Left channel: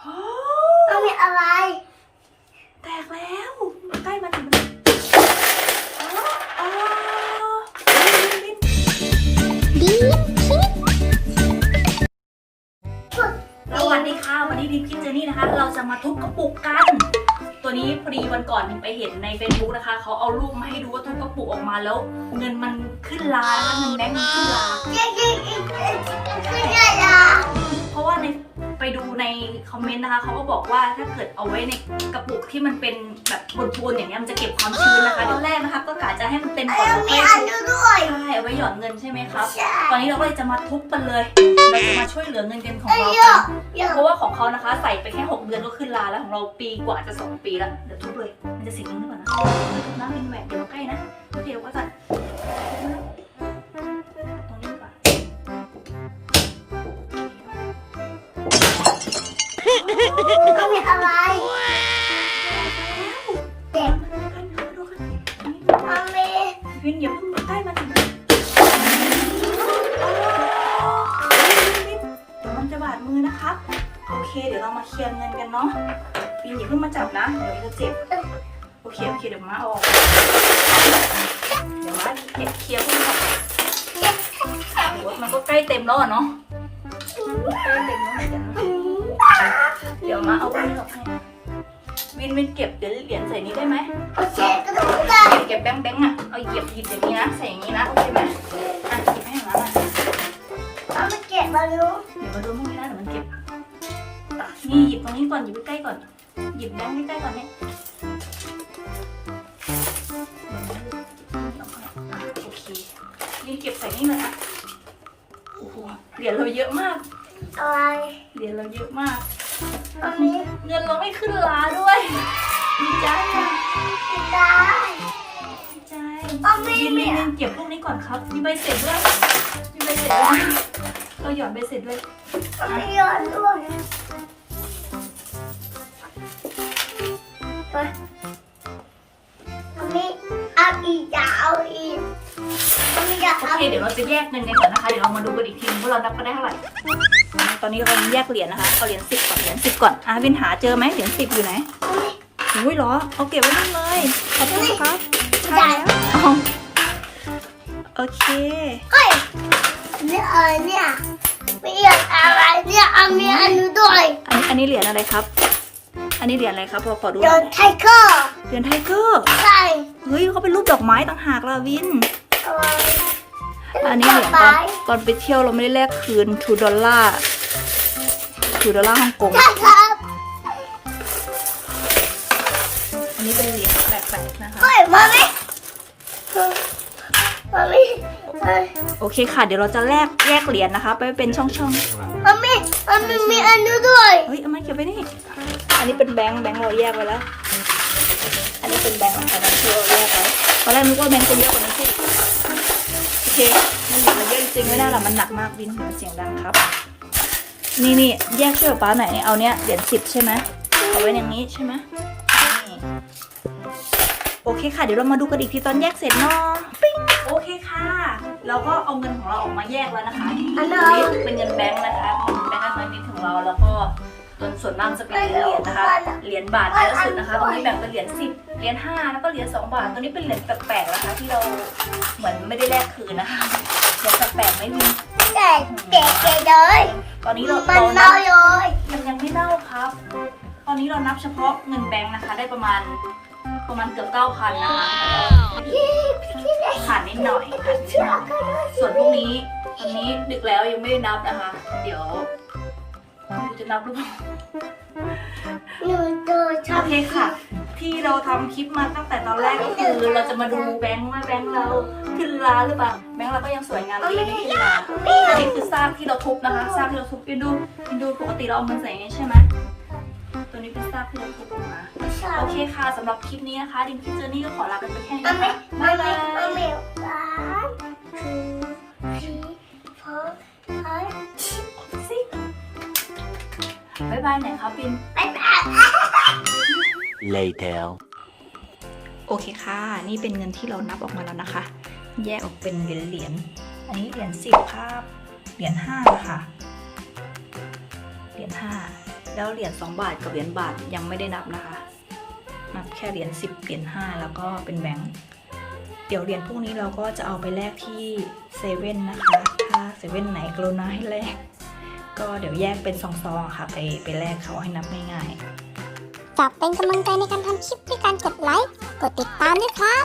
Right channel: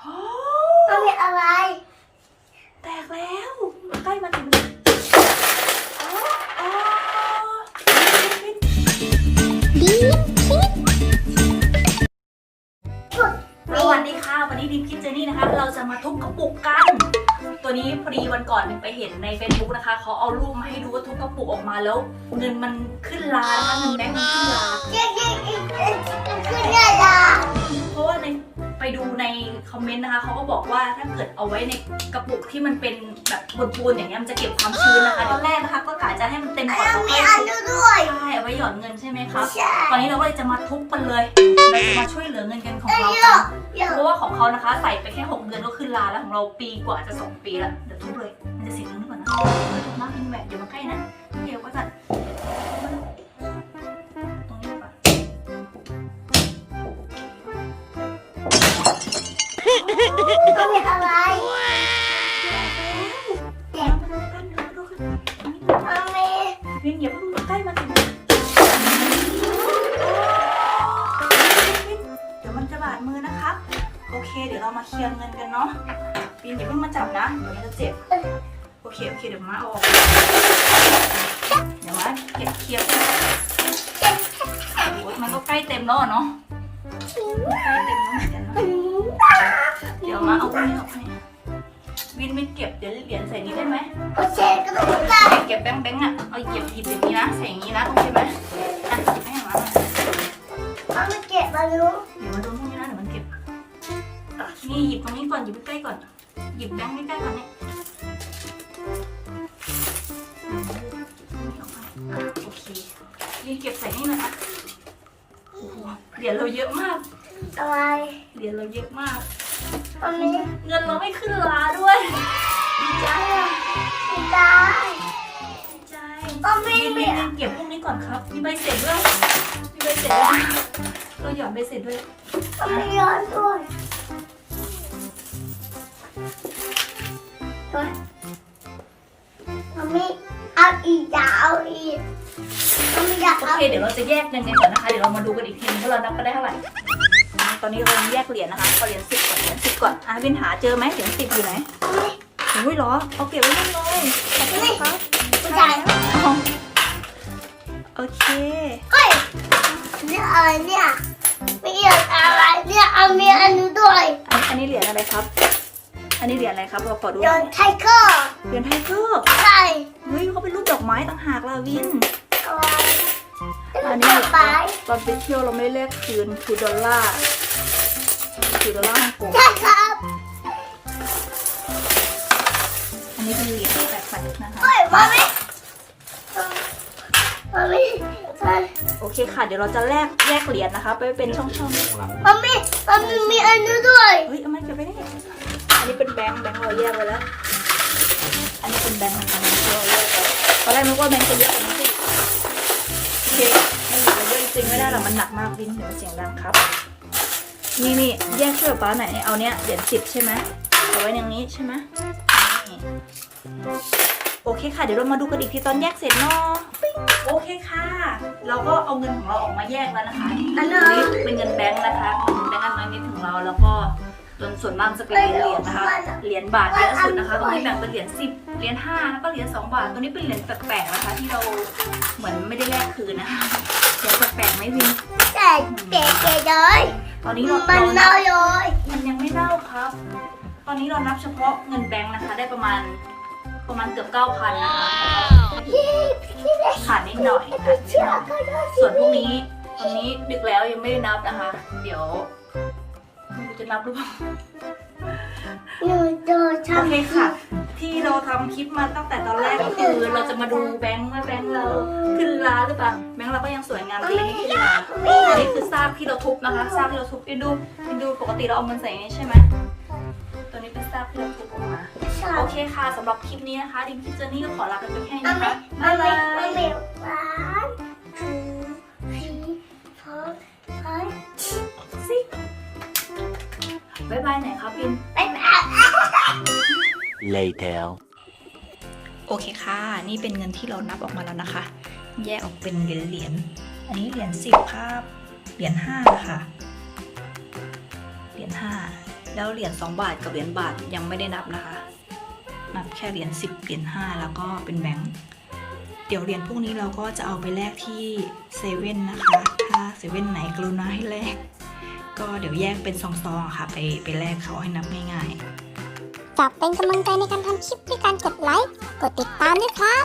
โอ้มันมีอะไร แตกแล้ว ใกล้มาถึงโอ้โอ้ดีคิดสวัสดีค่ะวันนี้ดิมคิดเจนี่นะคะ เราจะมาทุบกระปุกกัน ตัวนี้พอดีวันก่อนไปเห็นใน Facebook นะคะ เขาเอารูปมาให้ดูว่าทุบกระปุกออกมาแล้ว เงินมันขึ้นลานะคะเงินแบงค์มันขึ้นลายิงยิงยิงคืออะไรเพราะว่าในไปดู ในคอมเมนต์นะคะเขาก็บอกว่าถ้าเกิดเอาไว้ในกระปุกที่มันเป็นแบบปูนๆอย่างเงี้ยมันจะเก็บความชื้นนะคะตอนแรกนะคะก็กะจะให้มันเต็มก่อนแล้วมีค่อยอันทุบดูด้วยใช่เอาไว้หย่อนเงินใช่ไหมครับใช่ตอนนี้เราก็เลยจะมาทุบมันเลยเราจะมาช่วยเหลือเงินกันของเอ้ยเราเยกัอะนเยอะเพราะว่าของเขานะคะใส่ไปแค่ 6 เดือนก็ขึ้นลาแล้วของเราปีกว่าจะ 2 ปีแล้วเดี๋ยวทุบเลยมันจะเสียงนี้ก่อนนะทุบน้ำ มันมีอะไรเด็กมันมีวินอย่าเพิ่งใกล้มาถึงเดี๋ยวมันจะบาดมือนะครับ โอเค เดี๋ยวเรามาเคลียร์เงินกันเนาะวินอย่าเพิ่งมาจับนะ เดี๋ยวมันจะเจ็บ โอเค โอเค เดี๋ยวมาเอาออก เดี๋ยวมาเก็บเคลียร์พวกนี้โอ้ยมันก็ใกล้เต็มแล้วเนาะ ใกล้เต็มแล้วเหมือนกันเนาะ ยวมาเอาพวกนี้ออกให้วินวินเก็บเหรียญเหรียญใส่นี้ได้ไหมโอเคก็ต้องได้เก็บแบงค์แบงค์อะเอาเหยียบหยิบอย่างนี้นะใส่อย่างนี้นะโอเคไหมอะหยิบให้มาหน่อยเอามาเก็บมารู้เดี๋ยวมาดูพวกนี้นะเดี๋ยวมันเก็บนี่หยิบตรงนี้ก่อนหยิบใกล้ก่อน หยิบแบงค์ใกล้ก่อนเนี่ยโอเควินเก็บใส่นี่เลยนะโอ้โหเหรียญเราเยอะมากอะไรเหรียญเราเยอะมาก มันมีเงินเราไม่ขึ้นลาด้วยดีใจอะไม่ได้ ดีใจมันมีวินมีวินเก็บพวกนี้ก่อนครับ มีใบเสร็จด้วย มีใบเสร็จด้วยเราหย่อนใบเสร็จด้วยมันมีเยอะด้วยไปมันมีเอาอีกจะเอาอีกมันมีอยากโอเอาเค เดี๋ยวเราจะแยกเงินกันก่อนนะคะ เดี๋ยวเรามาดูกันอีกทีนึงว่าเรานับกันได้เท่าไหร่ ตอนนี้เราแยกเหรียญนะคะเอาเหรียญสิบกับเหรียญสิบก่อนอะวินหาเจอไหมเหรียญสิบอยู่ไหนอุ้ยเหรอเอาเก็บไว้นู่นเลยขอบคุณครับผู้ใหญ่โอเคเฮ้ยนี่อะไรเนี่ยไม่อยากอะไรเนี่ยเอามีอันนู้นด้วยอันอันนี้เหรียญอะไรครับ อันนี้เหรียญอะไรครับพอขอดูหโดน่อยนไทเกอร์เหรียญไทเกอร์ใช่เฮ้ยเขาเป็นรูปดอกไม้ต่างหากล่ะวิน อะไรอันนี้เหรอไปตอนไปเที่ยวเราไม่ได้แลกคืนทูดอลลาร์ทูดอลลาร์ฮ่องกงใช่ครับอันนี้เป็นเหรียญแปลกๆนะคะ เฮ้ยมาไหมมาไหมมาโอเคค่ะ เดี๋ยวเราจะแลกแยกเหรียญนะคะ ไปเป็นช่องมาไหมมันมีอันนู้นด้วยๆเฮ้ยเอามาเก็บไว้นี่อันนี้เป็นแบงค์แบงค์เราแยกไว้แล้ว อันนี้เป็นแบงค์นะคะแบงค์ที่เราแยกไว้ตอนแรกนึกว่าแบงค์จะเยอะกว่านี้สิโอเคไม่เหลือเยอะจริงๆไม่ได้หรอกมันหนักมากวินเดี๋ยวมันเสียงดังครับ นี่นี่แยกช่วยป้าหน่อยนี่เอาเนี้ยเหรียญสิบใช่ไหมเอาไว้อย่างนี้ใช่ไหมนี่โอเคค่ะ เดี๋ยวเรามาดูกันอีกทีตอนแยกเสร็จเนาะปิ๊งโอเคค่ะ เราก็เอาเงินของเราออกมาแยกแล้วนะคะอันอันู้นนี้นเป็นเงินแบงค์นะคะแบงค์อันน้อยนิดของเราแล้วก็ ส่วนส่วนมากจะเป็นเหรียญนะคะ เหรียญบาทเยอะสุดนะคะ ตรงนี้แบ่งเป็นเหรียญสิบเหรียญห้าแล้วก็เหรียญสองบาท ตัวนี้เป็นเหรียญแปลกๆนะคะ ที่เราเหมือนไม่ได้แลกคืนนะคะ เหรียญแปลกๆไม่มีแต่เด็กเด็กเลยตอนนี้เรามันเรานัเน่าบเลยมันยังไม่เน่าครับ ตอนนี้เรานับเฉพาะเงินแบงค์นะคะ ได้ประมาณประมาณเกือบเก้าพันนะคะขาดนิดหน่อยขาดนิดหน่อยส่วนพรุ่งนี้ตอนนี้ดึกแล้วยังไม่ได้นับนะคะ เดี๋ยวดู จะนับหรือเปล่าหนูเจอโอทำเคค่ะ ที่เราทำคลิปมาตั้งแต่ตอนแรกก็คือเราจะมาดูแบงค์ว่าแบงค์เราขึ้นลาหรือเปล่าแบงค์เราก็ยังสวยงามดีไม่ขึ้นลาอันนี้คือซาบที่เราทุบนะคะซาบที่เราทุบอินดูอินดูปกติเราเอาเงินใส่อย่างนี้ใช่ไหมตัวนี้เป็นซาบที่เราทุบออกมาโอเคค่ะสำหรับคลิปนี้นะคะดิมพี่เจอนี่ก็ขอลากันไปแค่นี้มันนะไม่คะมับ๊านยไม่บายมันไม่ one two three four five สิบ๊ายบายไหนอยครับบินบ๊ายบาย Later. โอเคค่ะ นี่เป็นเงินที่เรานับออกมาแล้วนะคะ แยกออกเป็นเหรียญเหรียญอันนี้เหรียญสิบครับเหรียญห้าค่ะเหรียญห้าแล้วเหรียญสองบาทกับเหรียญบาทยังไม่ได้นับนะคะ นับแค่เหรียญสิบเหรียญห้าแล้วก็เป็นแบงค์เดี๋ยวเหรียญพวกนี้เราก็จะเอาไปแลกที่เซเว่นนะคะ ถ้าเซเว่นไหนกรุณาให้แลก ก็เดี๋ยวแยกเป็นซองๆค่ะ ไปไปแลกเขาให้นับง่ายๆฝากเป็นกำลังใจในการทำคลิปด้วยการกดไลค์ กดติดตามด้วยครับ